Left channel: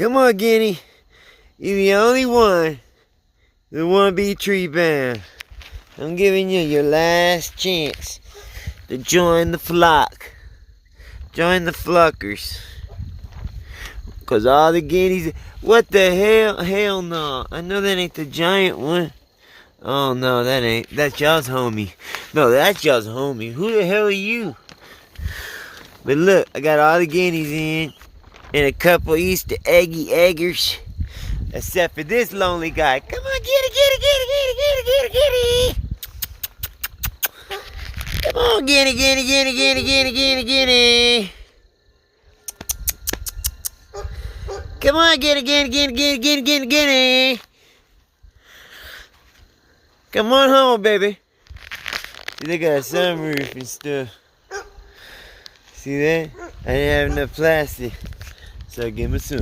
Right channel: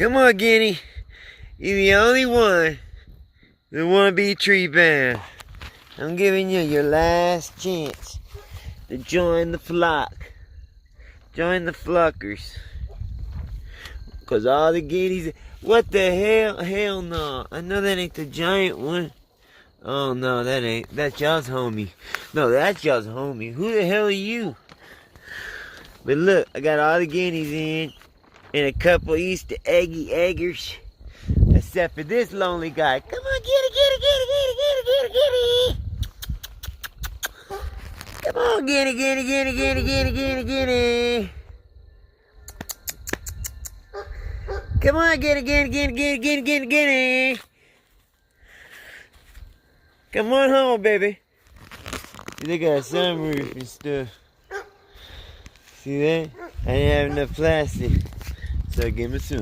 Come on, Guinea. You're the only one that want to be tree bound. I'm giving you your last chance to join the flock. Join the flockers. Because all the guineas... What the hell? Hell no. I know that ain't the giant one. Oh no, that ain't. That's y'all's homie. No, that's y'all's homie. Who the hell are you? But look, I got all the guineas in. And a couple Easter eggy eggers. Except for this lonely guy. Come on, get it. Come on, get it. Come on, get it. Come on home, baby. See, they got a sunroof and stuff. See that? I didn't have enough plastic. So give me some.